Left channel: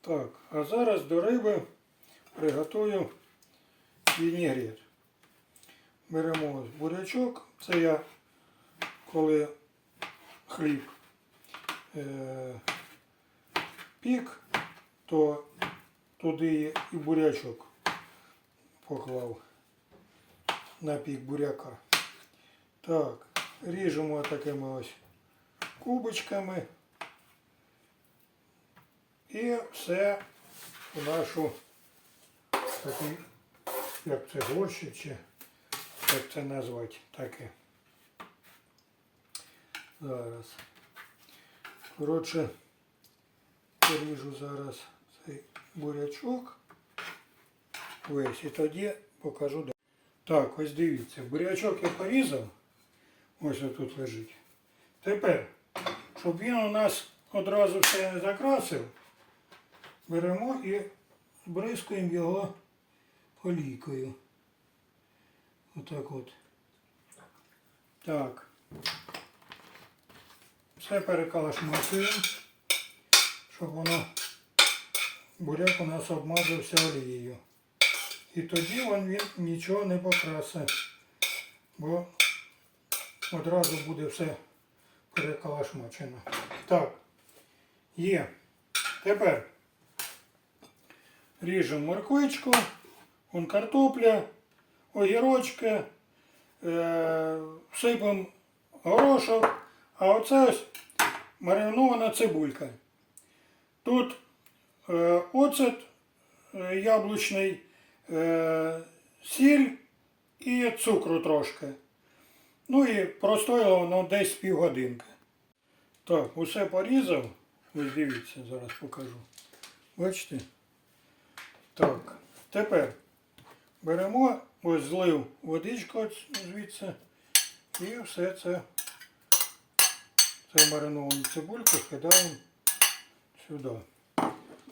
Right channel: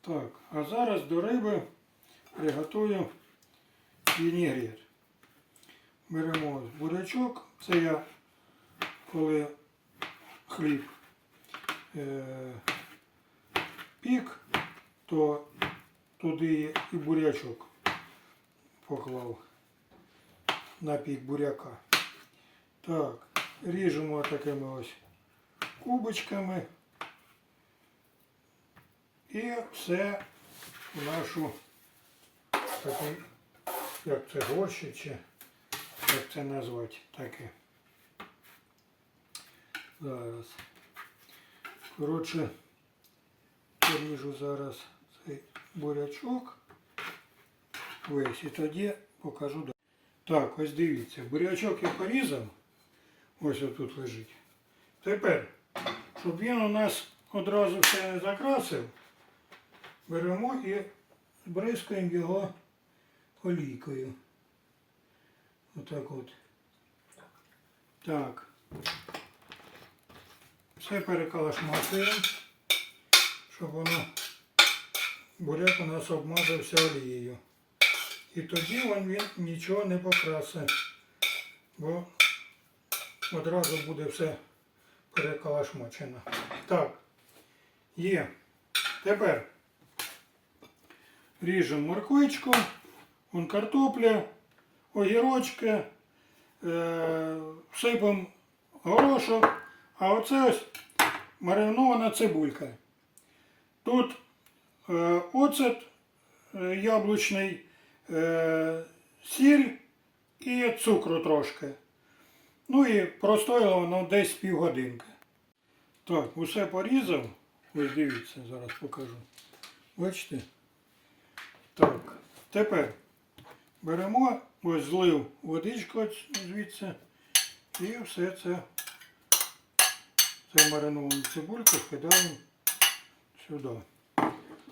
Так, а зараз до риби приготую вінігрет. Беремо бурячок. Це я коли хліб е, пік, то туди і бурячок поклав на пік буряка. Так, ріжемо такими ось кубочками. І все у нашу такий, як це горщик, чи як це назвати таке. Зараз. Коротше, поріжу зараз цей бурячок. Весь і тоді покажу. далі. Так, ось дивіться, бурячок я порізав. Ось тут лежить. Тепер, щоб він у нас одразу все не закрасив, беремо і бризкаємо його олійкою. Отак от. Так. Все перекалашматуємо, щоб воно буряк у нас обмазався олією. І тоді він, він нічого не покрасить, бо одразу буде все перекалашмачено. Так, є. Тепер ріжемо морквичку, вон картопля, огірочки, е, сипемо горошок, а оце ось маринована цибулька. Тут е, оцет е, яблучний, е, сіль і цукру трошки. Ну і простояло воно десь півгодинки. Так, усе порізав. Ось дивіться, зараз покажу. Бачите? Так, тепер беремо, ось злив водичку звідси і все це, це мариновану цибульку кидаємо сюди.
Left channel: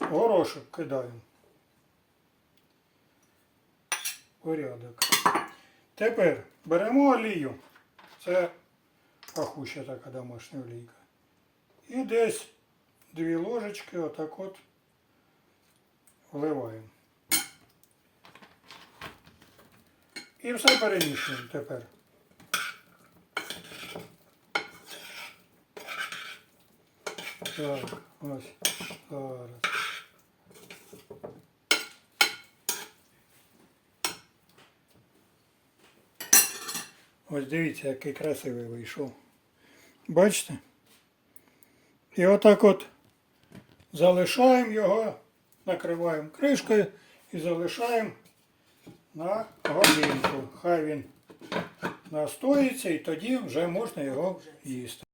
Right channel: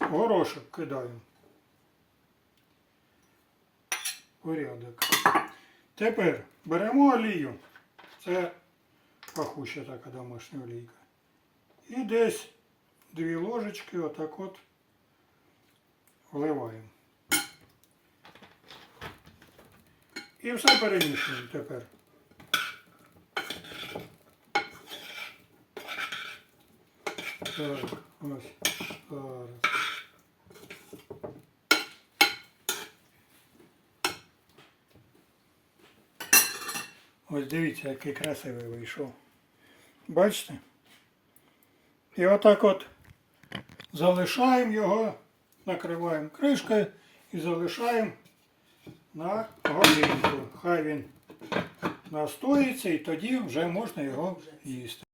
Горошок кидаємо. Порядок. Тепер беремо олію. Це пахуща така домашня олійка. І десь дві ложечки отак от вливаємо. І все перемішуємо тепер. Так, ось зараз. Ось дивіться, який красивий вийшов. Бачите? І отак от залишаємо його, накриваємо кришкою і залишаємо на годинку. Хай він настоїться і тоді вже можна його їсти.